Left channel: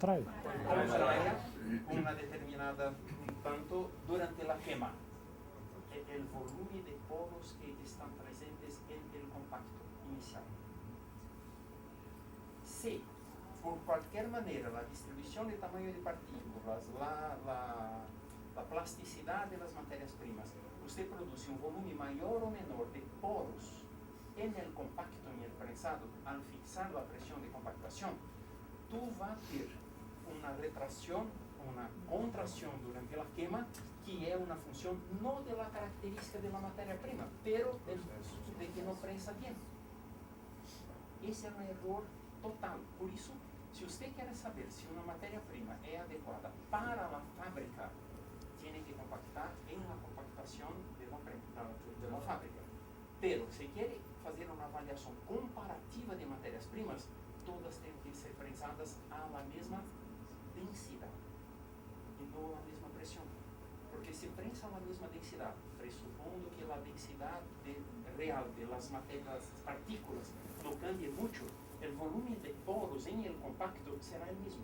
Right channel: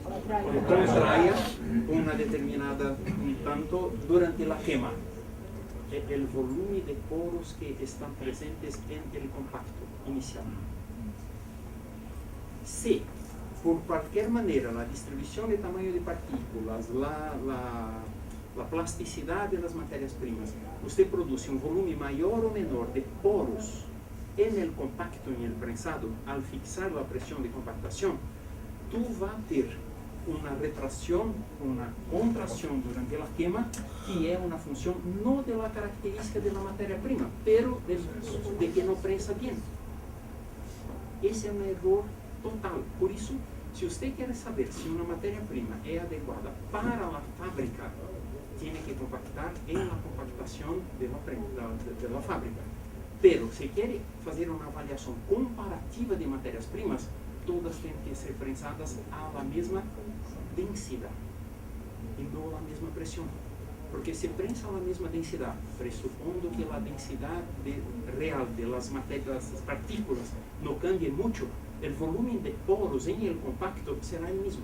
contrae. Contrae una determinada tanto durante la quema. El volumen de poros que están presentes en el compacto inicial. Si por cualquier manera la distribución de tamaño de partículas, la plasticidad de las materias primas, usted produce un volumen mayor o menor de poros en el compacto, en el prensado, al fixar la presión de compactación, tú vas a tener una retracción, una contracción durante la quema, que es una función no de la característica de la materia prima, pero de que no prensa bien. Ese es un error total. Por eso, si usted quiere saber si una materia prima es adecuada para la fábrica, tiene que compactar en la compactación de la fábrica. Pero si quiere hacer una avaliación comparativa de materias primas, todas tienen que ser prensadas a la misma densidad y no a la misma presión. Porque si prensa a la misma densidad, presupondo que la densidad real de las partículas no cambie mucho, el volumen de poros en el compacto será el mismo.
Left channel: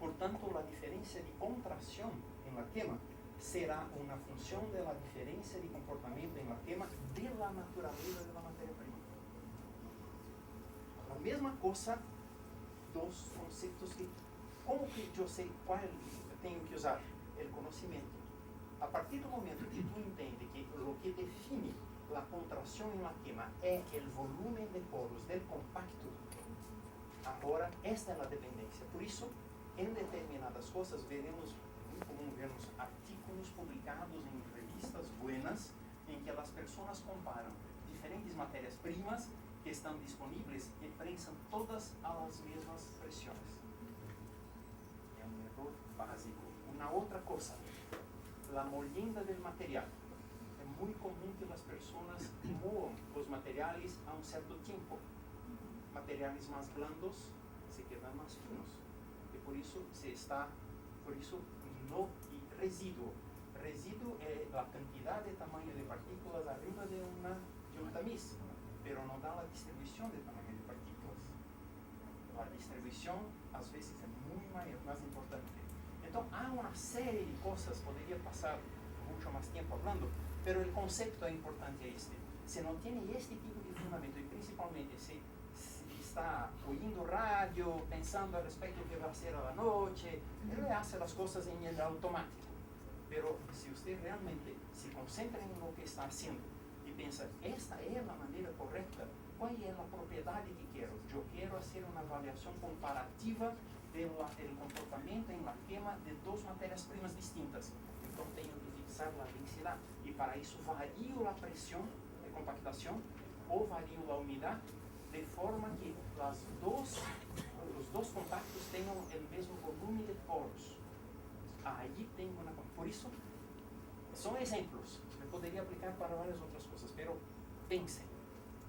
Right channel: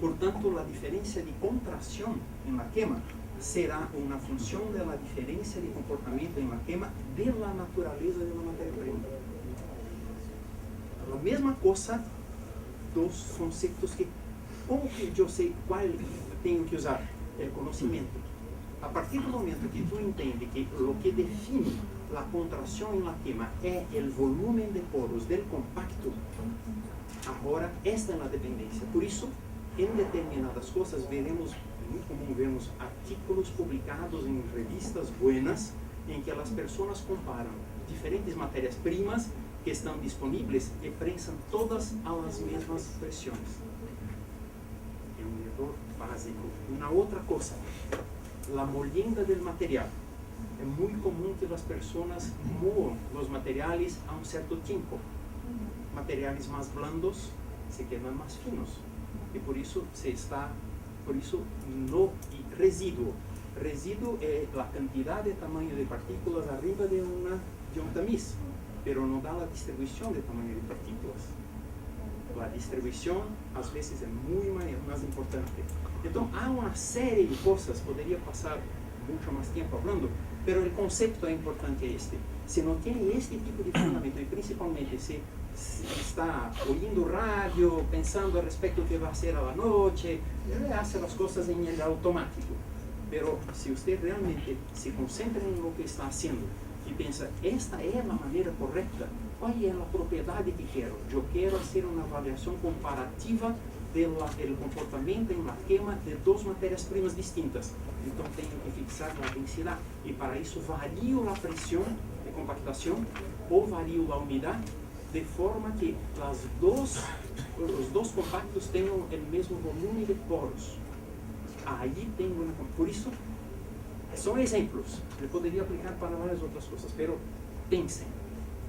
Por tanto, la diferencia de contracción en la quema será una función de la diferencia de comportamiento en la quema de la naturaleza de la materia prima. La misma cosa, dos conceptos que, como que yo sé cuál tengo que usar, el conocimiento. A partir del momento que tú entiendes que lo que define la contracción en la quema es el volumen de poros del compacto, ahora esta es la dependencia. Por eso, en determinadas cosas veremos, muy común vemos artículos publicados en revistas buenas en que las personas comparan diferentes materias primas que están disponibles y prensan todas a las mismas presiones. Es un error básico. Una otra cosa, la molienda del material. Es muy común que las personas muevan los materiales a un cierto tiempo. Materiales más blandos se quedan más finos. Y por eso no, y residuo. Residuo es la cantidad de tamaño de partículas arriba de un tamiz, pero no da la distribución de tamaño de partículas. La distribución a veces es muy más importante. Entonces, hay una serie de cosas, podría pasar mucho más tiempo hablando, pero el concepto es importante este. Si no tiene este tipo de fundamento, y principalmente si está oyendo radio, pensando al respecto que va a hacer a la noche, hace las cosas en el automático. Pero si usted realmente se concentra en lo que está haciendo y piensa, esta es la manera correcta, ¿cuál es la propiedad que quiero? Yo quiero hacer una evaluación comparativa del comportamiento en la quema de dos materias primas distintas. Entonces tengo que fixar la densidad y para eso varío la presión de compactación o varío la humedad de forma que los dos compactos tengan el mismo volumen de poros. Ahí tengo una... Por eso, son ejemplos. Yo podría aplicar para varias otras cosas, pero piensen.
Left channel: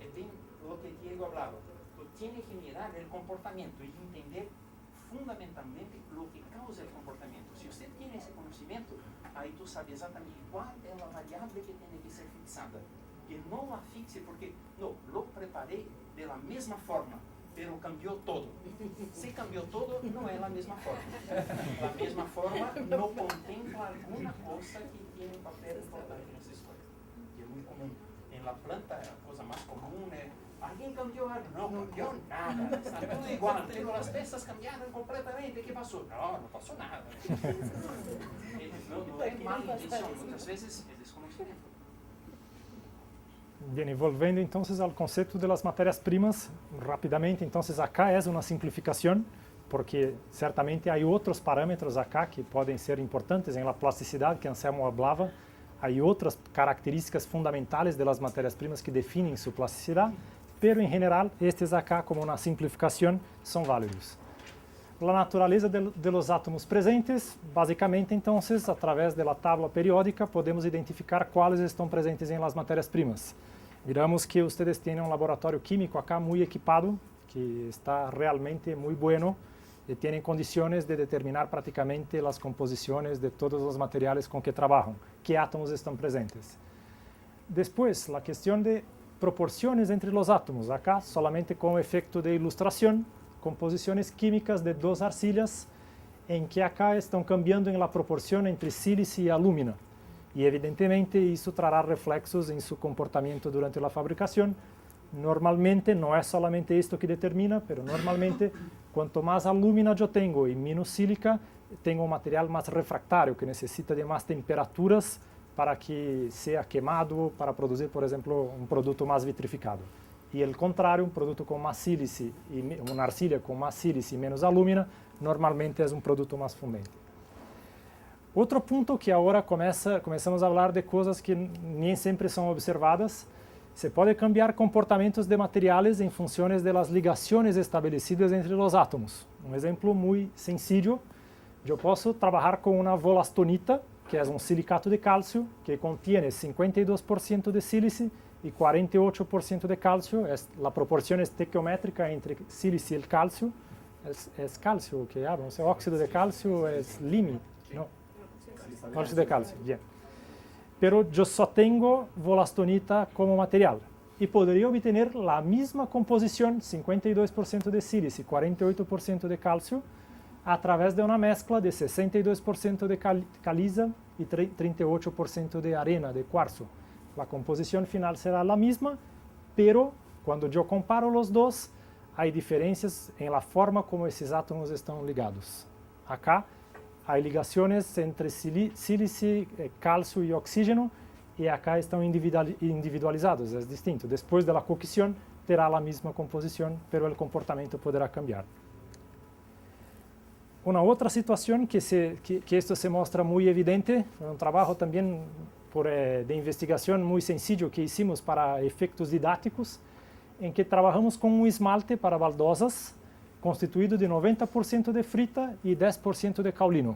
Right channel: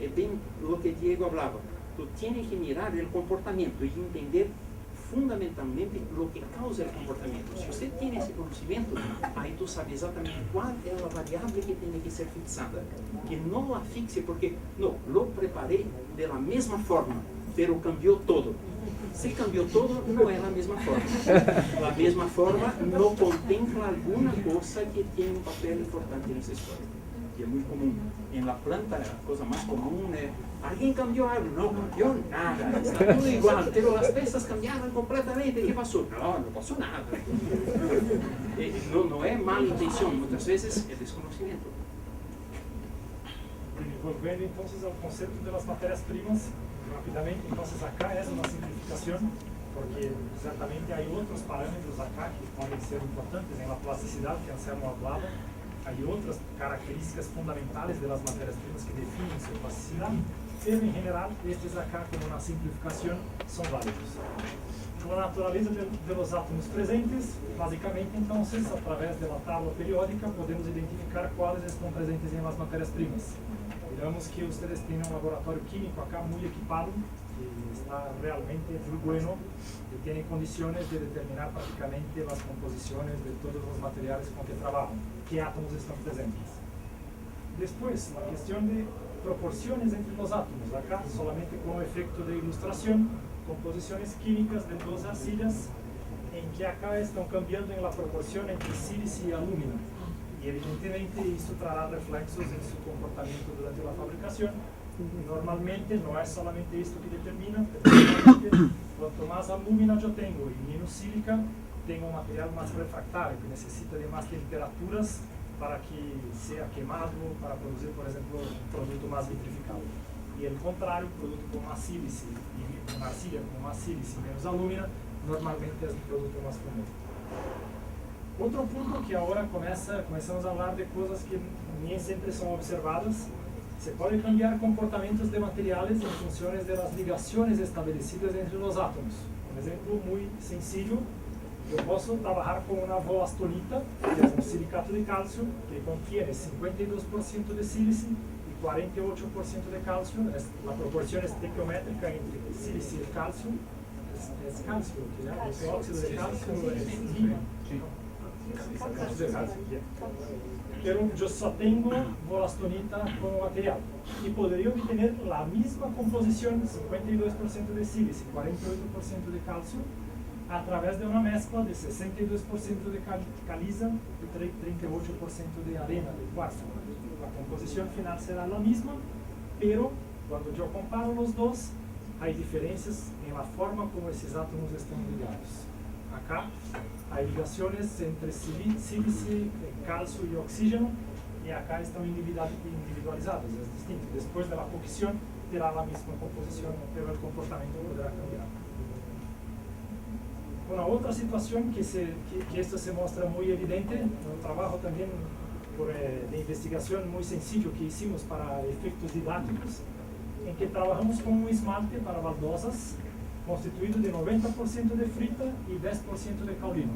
Es bien lo que Diego hablaba. Tú tienes que mirar el comportamiento y entender fundamentalmente lo que causa el comportamiento. Si usted tiene ese conocimiento, ahí tú sabes exactamente cuál es la variable que tiene que ser fixada. Que no la fixe porque, no, lo preparé de la misma forma, pero cambió todo. Si cambió todo, no es la misma forma. La misma forma no contempla alguna cosa que tiene un papel importante en esa historia. Que es muy común. En la planta, la cosa más común es, ¿alguien cambió algo? No cambió nada, está todo igual, pero las piezas cambiaron completamente. ¿Qué pasó? No pasó nada. No es mala intención, muchas veces es desconocimiento. Bien, volviendo entonces al concepto de las materias primas, rápidamente, entonces acá es una simplificación, porque certamente hay otros parámetros acá que pueden ser importantes en la plasticidad que Anselmo hablaba. Hay otras características fundamentales de las materias primas que definen su plasticidad, pero en general, estos acá como una simplificación son válidos. La naturaleza de los átomos presentes, básicamente entonces, a través de la tabla periódica, podemos identificar cuáles están presentes en las materias primas. Miramos que ustedes tienen un laboratorio químico acá muy equipado, que está realmente muy bueno y tienen condiciones de determinar prácticamente las composiciones de todos los materiales con que trabajan, qué átomos están presentes. Después, la cuestión de proporciones entre los átomos, acá solamente como efecto de ilustración, composiciones químicas de dos arcillas en que acá están cambiando en la proporción entre sílice y alúmina. Y evidentemente eso traerá reflexos en su comportamiento durante la fabricación. Normalmente no es solamente esto que determina, pero normalmente cuanto más alúmina yo tengo y menos sílica, tengo un material más refractario que necesita de más temperaturas para que sea quemado, para producir, por ejemplo, un producto más vitrificado. Y el contrario, un producto con más sílice, una arcilla con más sílice y menos alúmina, normalmente es un producto más fumero. Otro punto que ahora comenzamos a hablar de cosas que ni siempre son observadas, se puede cambiar comportamientos de materiales en funciones de las ligaciones establecidas entre los átomos. Un ejemplo muy sencillo, yo puedo trabajar con una volastonita, que es un silicato de calcio, que contiene 52% de sílice y 48% de calcio. La proporción estequiométrica entre sílice y el calcio. Es calcio, que es óxido de calcio, es línea, ¿no? Óxido de calcio, bien. Pero yo solo tengo volastonita como material. Y podría obtener la misma composición, 52% de sílice y 48% de calcio, a través de una mezcla de 62% de caliza y 38% de arena, de cuarzo. La composición final será la misma, pero cuando yo comparo los dos, hay diferencias en la forma como esos átomos están ligados. Acá hay ligaciones entre sílice, calcio y oxígeno, y acá están individualizados, es distinto. Después de la cocción, terá la misma composición, pero el comportamiento podrá cambiar. Una otra situación que esto se muestra muy evidente, un trabajo también de investigación muy sencillo que hicimos para efectos didácticos, en que trabajamos con un esmalte para baldosas constituido de 90% de frita y 10% de caolino.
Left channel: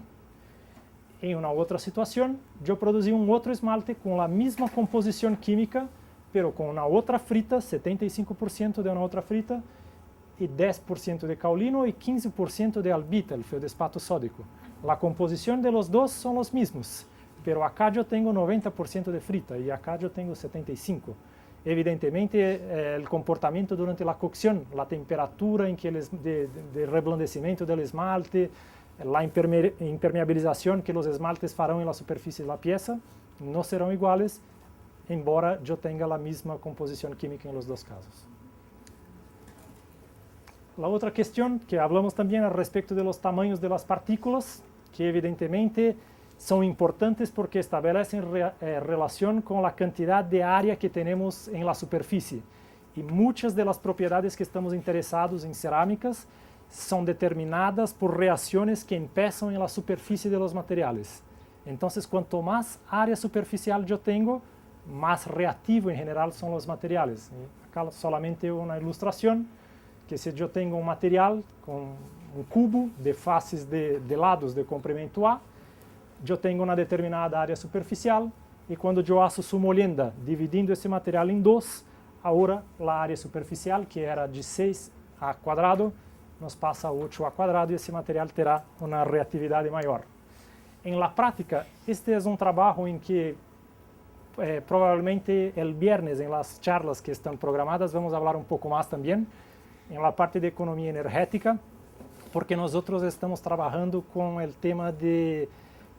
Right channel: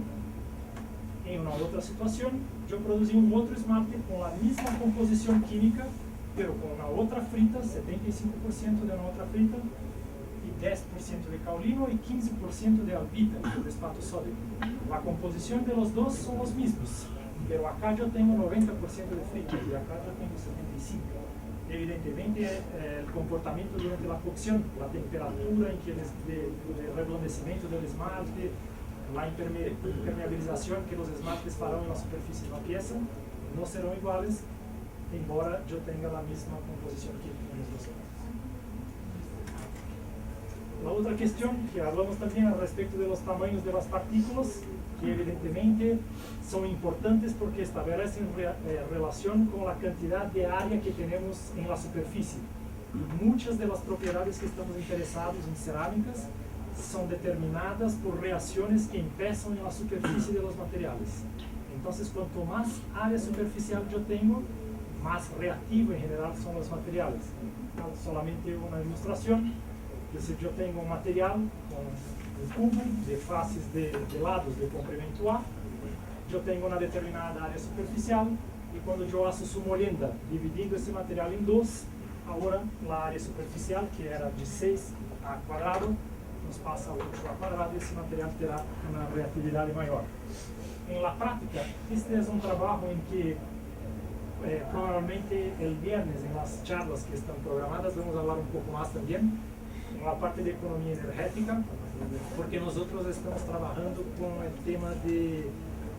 En una otra situación, yo producí un otro esmalte con la misma composición química, pero con una otra frita, 75% de una otra frita, y 10% de caolino y 15% de albita, el feldespato sódico. La composición de los dos son los mismos, pero acá yo tengo 90% de frita y acá yo tengo 75%. Evidentemente, el comportamiento durante la cocción, la temperatura en que de reblandecimiento del esmalte, la impermeabilización que los esmaltes farán en la superficie de la pieza, no serán iguales, embora yo tenga la misma composición química en los dos casos. La otra cuestión que hablamos también al respecto de los tamaños de las partículas, que evidentemente son importantes porque establecen relación con la cantidad de área que tenemos en la superficie. Y muchas de las propiedades que estamos interesados en cerámicas son determinadas por reacciones que empiezan en la superficie de los materiales. Entonces, cuanto más área superficial yo tengo, más reactivo en general son los materiales. Acá solamente una ilustración, que si yo tengo un material con un cubo de faces de lados de comprimento A, yo tengo una determinada área superficial, y cuando yo hago su molienda dividiendo ese material en dos, ahora la área superficial, que era de 6 a cuadrado, nos pasa a 8 a cuadrado, y ese material terá una reactividad mayor. En la práctica, este es un trabajo en que probablemente el viernes, en las charlas que están programadas, vamos a hablar un poco más también, en la parte de economía energética, porque nosotros estamos trabajando con el tema de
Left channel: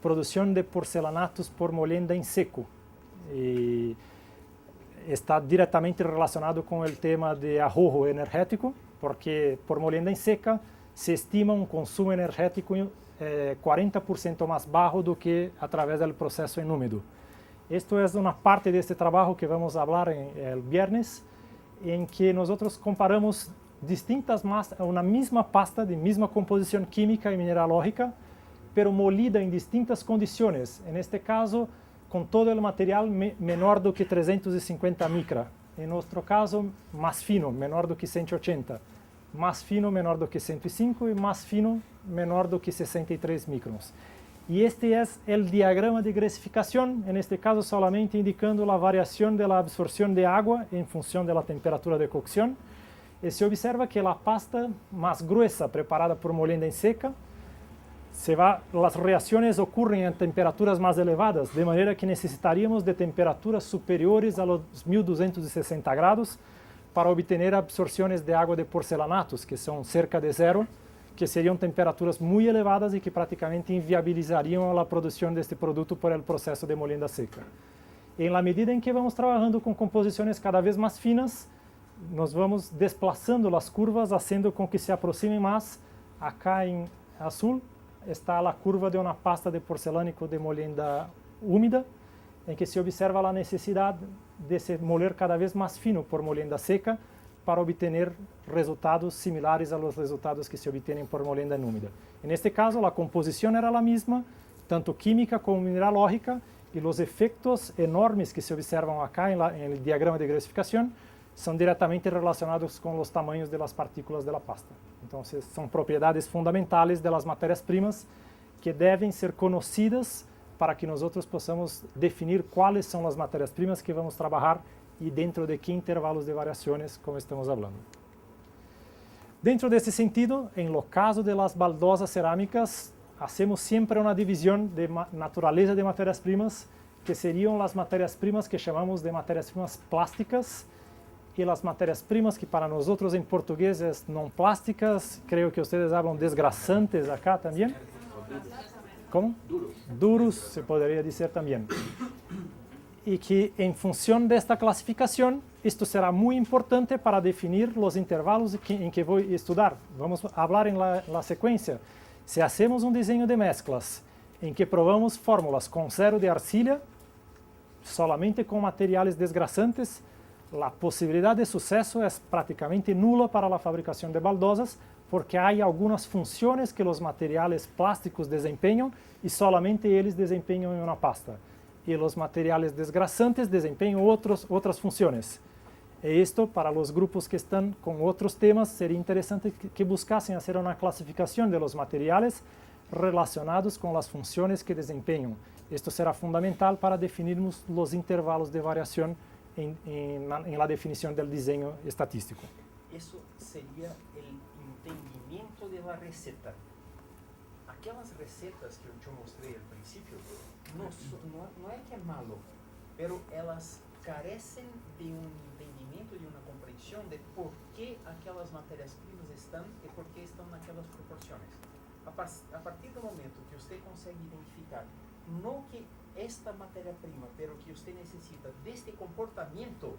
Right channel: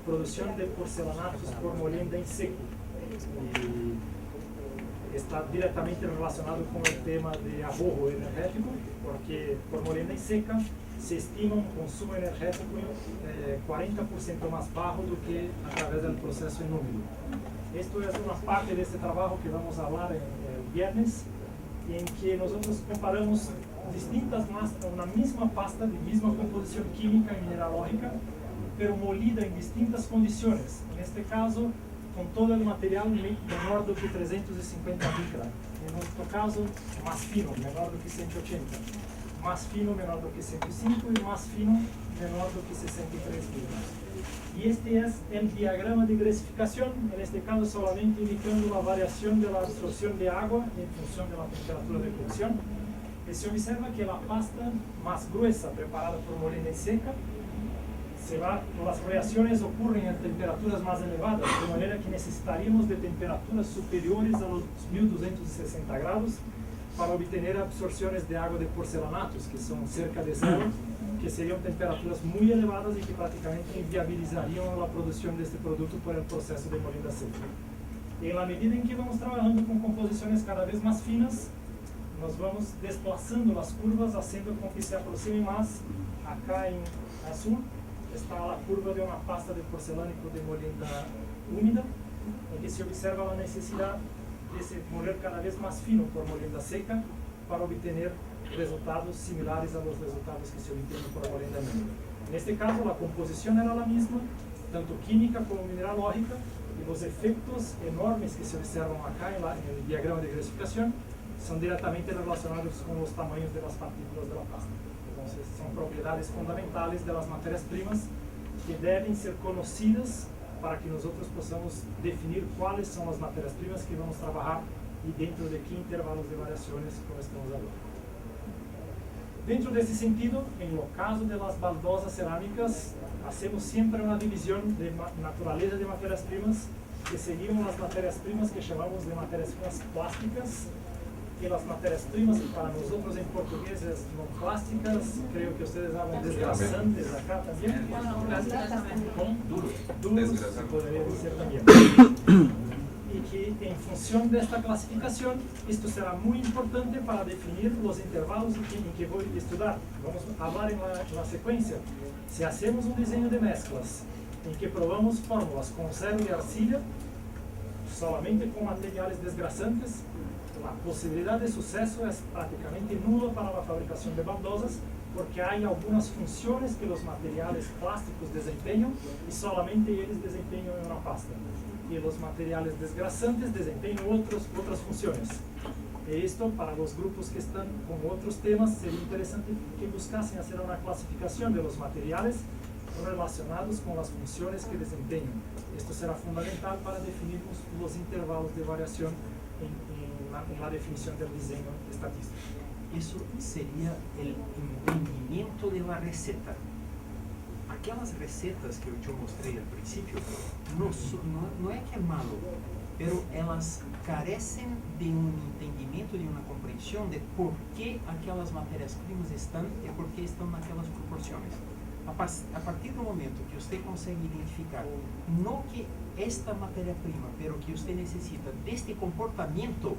producción de porcelanatos por molienda en seco. Y está directamente relacionado con el tema de ahorro energético, porque por molienda en seca se estima un consumo energético 40% más bajo do que a través del proceso en húmedo. Esto es una parte de este trabajo que vamos a hablar el viernes, en que nosotros comparamos distintas masas, una misma pasta de misma composición química y mineralógica, pero molida en distintas condiciones. En este caso, con todo el material menor do que 350 micra. En nuestro caso, más fino, menor do que 180. Más fino, menor do que 105, y más fino, menor do que 63 micros. Y este es el diagrama de grasificación, en este caso solamente indicando la variación de la absorción de agua en función de la temperatura de cocción. Y se observa que la pasta más gruesa, preparada por molienda en seca, las reacciones ocurren en temperaturas más elevadas, de manera que necesitaríamos de temperaturas superiores a los 1260 grados para obtener absorciones de agua de porcelanatos, que son cerca de cero, que serían temperaturas muy elevadas y que prácticamente inviabilizarían la producción de este producto por el proceso de molienda seca. En la medida en que vamos trabajando con composiciones cada vez más finas, nos vamos desplazando las curvas, haciendo con que se aproxime más. Acá en azul está la curva de una pasta de porcelánico de molienda húmeda, en que se observa la necesidad de se moler cada vez más fino por molienda seca para obtener resultados similares a los resultados que se obtienen por molienda húmeda. En este caso, la composición era la misma, tanto química como mineralógica, y los efectos enormes que se observan acá en el diagrama de gasificación son directamente relacionados con los tamaños de las partículas de la pasta. Entonces, son propiedades fundamentales de las materias primas que deben ser conocidas para que nosotros podamos definir cuáles son las materias primas que vamos a trabajar y dentro de qué intervalos de variaciones, como estamos hablando. Dentro de este sentido, en lo caso de las baldosas cerámicas, hacemos siempre una división de naturaleza de materias primas, que serían las materias primas que llamamos de materias primas plásticas, y las materias primas que para nosotros en portugués es no plásticas, creo que ustedes hablan desgrasantes acá también. ¿Cómo? Duros, se podría decir también. Y que en función de esta clasificación, esto será muy importante para definir los intervalos en que voy a estudiar. Vamos a hablar en la secuencia. Si hacemos un diseño de mezclas en que probamos fórmulas con cero de arcilla, solamente con materiales desgrasantes, la posibilidad de suceso es prácticamente nula para la fabricación de baldosas, porque hay algunas funciones que los materiales plásticos desempeñan y solamente ellos desempeñan en una pasta. Y los materiales desgrasantes desempeñan otras funciones. Y esto, para los grupos que están con otros temas, sería interesante que buscasen hacer una clasificación de los materiales relacionados con las funciones que desempeñan. Esto será fundamental para definir los intervalos de variación en la definición del diseño estatístico. Eso sería el entendimiento de la receta. Aquelas recetas que eu mostrei al principio no es que es malo, pero elas carecen de un entendimiento, de una comprensión de por qué aquelas materias primas están y por qué están en aquelas proporciones. A partir do momento que usted consegue identificar no que esta matéria-prima, pero que usted necessita deste comportamento,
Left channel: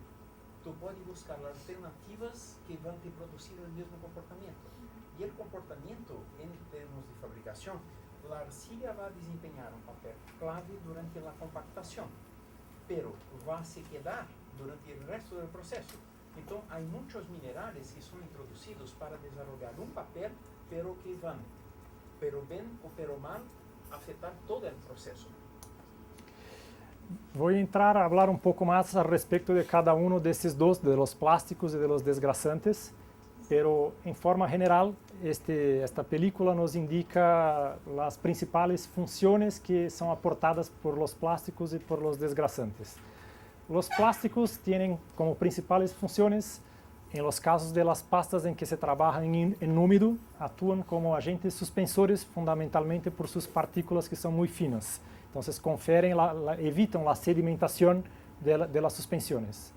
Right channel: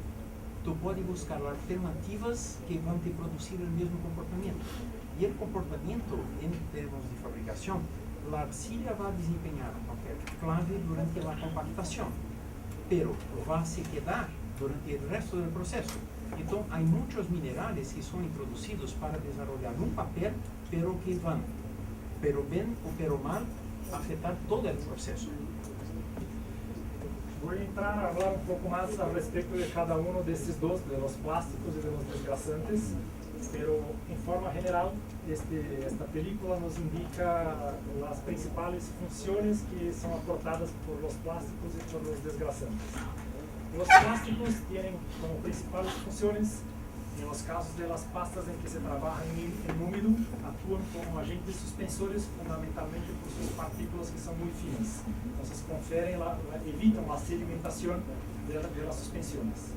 tu pode buscar alternativas que vão te produzir o mesmo comportamento. E o comportamento, em termos de fabricação, a arcilla vai desempenhar um papel clave durante a compactação, pero vai se quedar durante o resto do processo. Então, há muitos minerais que são introduzidos para desenvolver um papel, pero que vão, pero bem ou pero mal, afetar todo o processo. Voy a entrar a hablar un poco más al respecto de cada uno de estos dos, de los plásticos y de los desgrasantes, pero en forma general esta película nos indica las principales funciones que son aportadas por los plásticos y por los desgrasantes. Los plásticos tienen como principales funciones, en los casos de las pastas en que se trabaja en húmedo, actúan como agentes suspensores fundamentalmente por sus partículas que son muy finas. Entonces evitan la sedimentación de las suspensiones.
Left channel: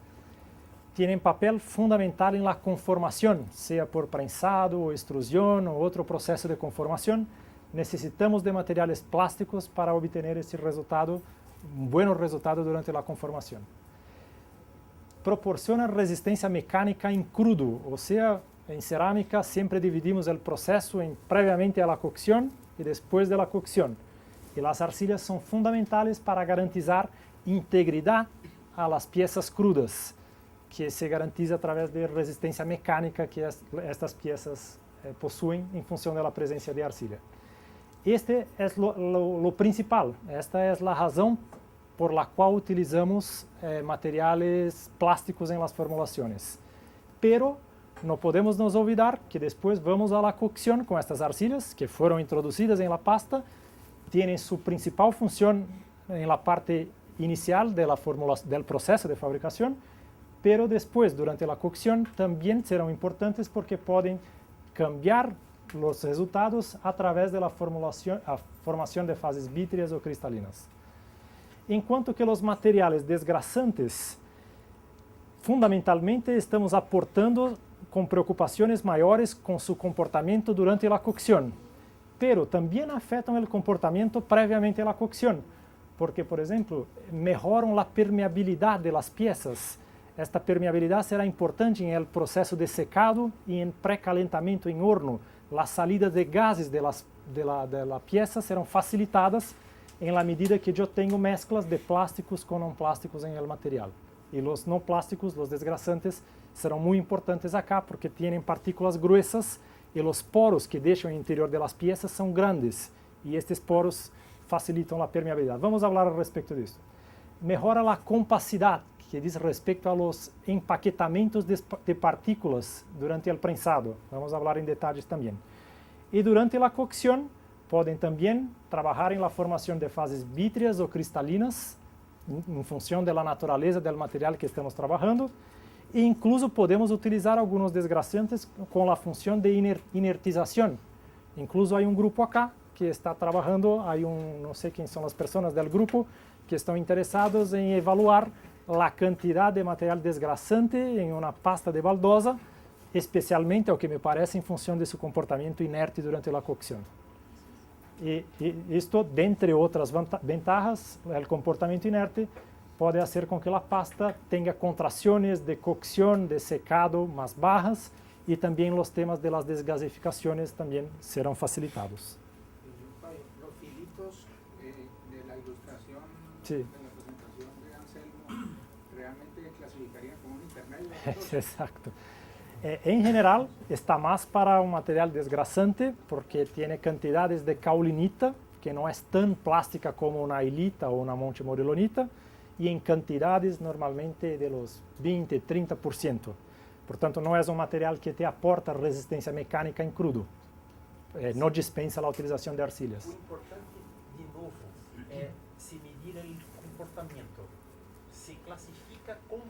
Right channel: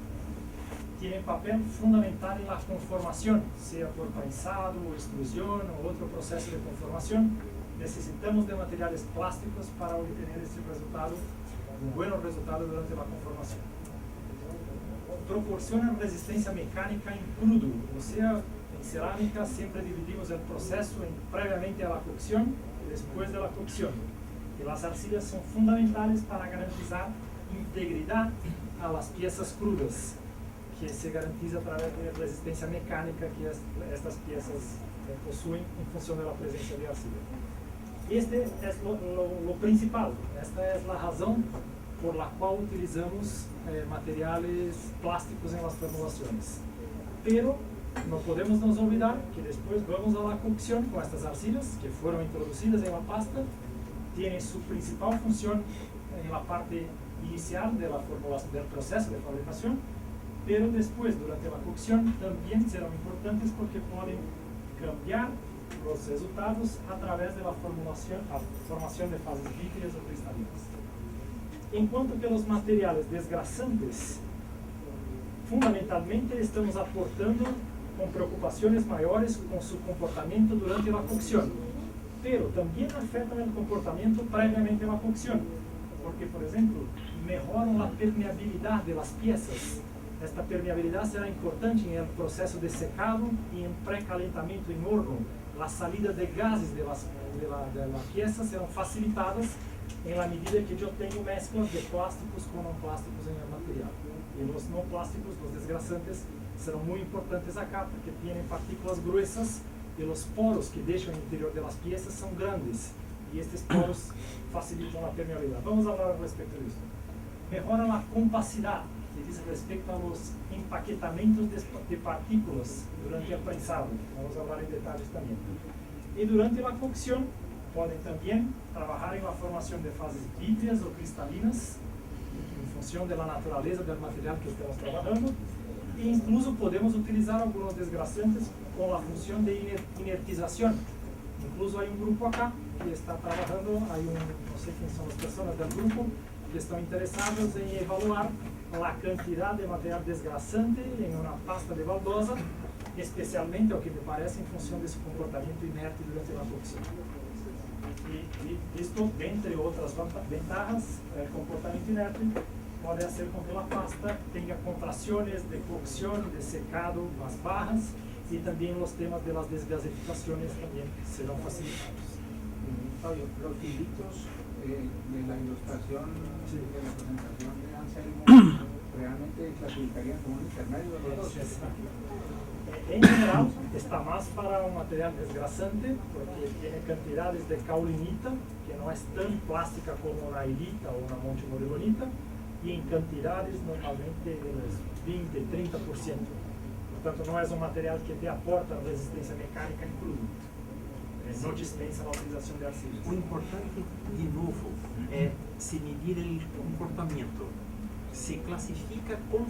Tienen papel fundamental en la conformación, sea por prensado o extrusión o otro proceso de conformación. Necesitamos de materiales plásticos para obtener ese resultado, un buen resultado durante la conformación. Proporcionan resistencia mecánica en crudo, o sea, en cerámica siempre dividimos el proceso previamente a la cocción y después de la cocción. Y las arcillas son fundamentales para garantizar integridad a las piezas crudas, que se garantiza a través de resistencia mecánica que estas piezas poseen en función de la presencia de arcilla. Este es lo principal, esta es la razón por la cual utilizamos materiales plásticos en las formulaciones. Pero no podemos nos olvidar que después vamos a la cocción con estas arcillas que fueron introducidas en la pasta, tienen su principal función en la parte inicial de del proceso de fabricación, pero después, durante la cocción, también serán importantes porque pueden cambiar los resultados a través de la formación de fases vítreas o cristalinas. Enquanto que los materiales desgrasantes fundamentalmente estamos aportando con preocupaciones mayores con su comportamiento durante la cocción, pero también afectan el comportamiento previamente a la cocción, porque, por ejemplo, mejoran la permeabilidad de las piezas. Esta permeabilidad será importante en el proceso de secado y en precalentamiento en horno. Las salidas de gases de la pieza serán facilitadas en la medida que yo tengo mezclas de plásticos con no plásticos en el material. Y los no plásticos, los desgrasantes, serão muy importantes acá porque tienen partículas gruesas y los poros que dejan el interior de las piezas son grandes y estos poros facilitan la permeabilidad. Vamos a hablar al respecto de eso. Mejora la compacidad, que diz respecto a los empaquetamientos de partículas durante el prensado. Vamos a hablar en detalles también. Y durante la cocción pueden también trabajar en la formación de fases vítreas o cristalinas en función de la naturaleza del material que estamos trabajando. E incluso podemos utilizar algunos desgrasantes con la función de inertización. Incluso hay un grupo acá que está trabajando, no sé quién son las personas del grupo, que están interesados en evaluar la cantidad de material desgrasante en una pasta de baldosa, especialmente, lo que me parece, en función de su comportamiento inerte durante la cocción. Y esto, de entre otras ventajas, el comportamiento inerte puede hacer con que la pasta tenga contracciones de cocción, de secado más bajas, y también los temas de las desgasificaciones también serán facilitados. Los filitos de la ilustración, sí, de la presentación de Anselmo, realmente clasificarían como un intermedio. Exacto. En general está más para un material desgrasante porque tiene cantidades de caulinita que no es tan plástica como una hilita o una montemorilonita, y en cantidades normalmente de los 20-30%. Por tanto, no es un material que te aporta resistencia mecánica en crudo. No dispensa la utilización de arcillas. O importante, de novo, é se medir o comportamento. Se classifica como